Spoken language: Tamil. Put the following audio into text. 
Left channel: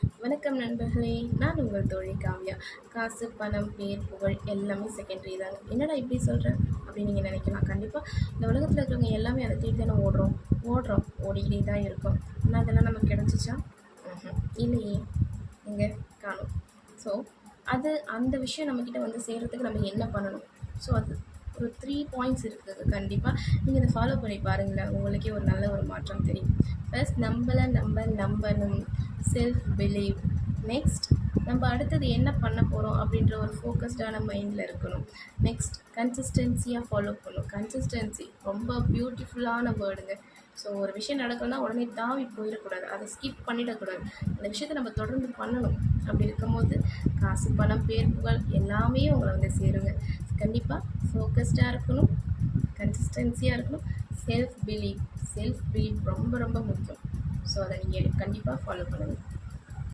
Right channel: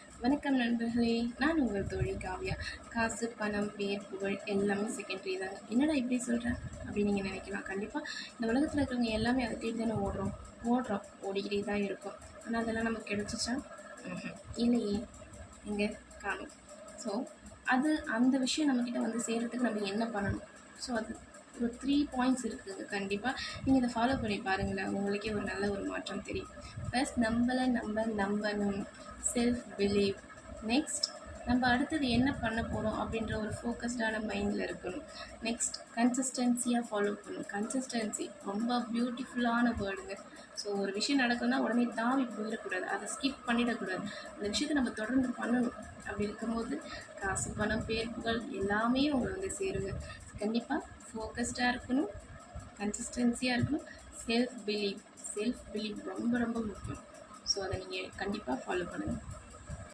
வணக்கம் நண்பர்களே, நான் உங்கள் தோழி காவ்யா. காசு, பணம், பேர், புகழ் எல்லாமே செகண்டரி தாங்க. என்னடா இப்படி சொல்கிறேன் அப்படின்னு நீங்கள் நினைக்கலாம். கண்டிப்பாக இந்த உலகத்தில் இருக்கிறவங்க எல்லாமே அதை தேடி தானே ஓடுறோம் ஓடிக்கிட்டே தான் இருக்கோம். ஆனால் அதெல்லாம் நமக்கு கிடச்சிச்சா? இல்லையே, எங்கே காணும். ஸோ அது அந்த விஷயம் நம்மக்கிட்ட வந்து சேர்கிறதுக்கு நம்ம என்ன பண்ணணும்? ஸோ அது ஒரு 3 பாயிண்ட்ஸ் இருக்குது. கண்டிப்பாக நீங்கள் இதை ஃபாலோ பண்ணி பாருங்களேன், உங்களுக்கே ஒரு நல்ல ஒரு மாற்றம் தெரியும். ஃபர்ஸ்ட் நம்பணும், செல்ஃப் பிலீவ். நெக்ஸ்ட் நம்ம அடுத்தது என்ன பண்ண போகிறோம் அப்படின்ற ஒரு ஃபோக்கஸ்டான மைண்டில் இருக்கணும். நெக்ஸ்ட் கன்சிஸ்டன்சியாக ஃபாலோ பண்ணணும். கன்சிஸ்டன்சி ரொம்ப பியூட்டிஃபுல்லான வேர்டுங்க. ஸோ ஒரு விஷயம் நடக்கணும்னா உடனே தாவி போயிடக்கூடாது, அதை ஸ்கிப் பண்ணிடக்கூடாது. அந்த விஷயத்தை நம்ம தொடர்ந்து பண்ணணும். அப்படி இருக்கும்போது காசு, பணம், பேர், புகழ் எல்லாமே உங்களை வந்து சேருங்க. கண்டிப்பாக ஃபோக்கஸ்டாக இருக்கணும், கன்சிஸ்டன்சியாக இருக்கணும், செல்ஃப் பிலீவ் ரொம்ப ரொம்ப முக்கியம். ஸோ அதை நீங்கள் கண்டிப்பாக ஃபாலோ பண்ணுங்கள்.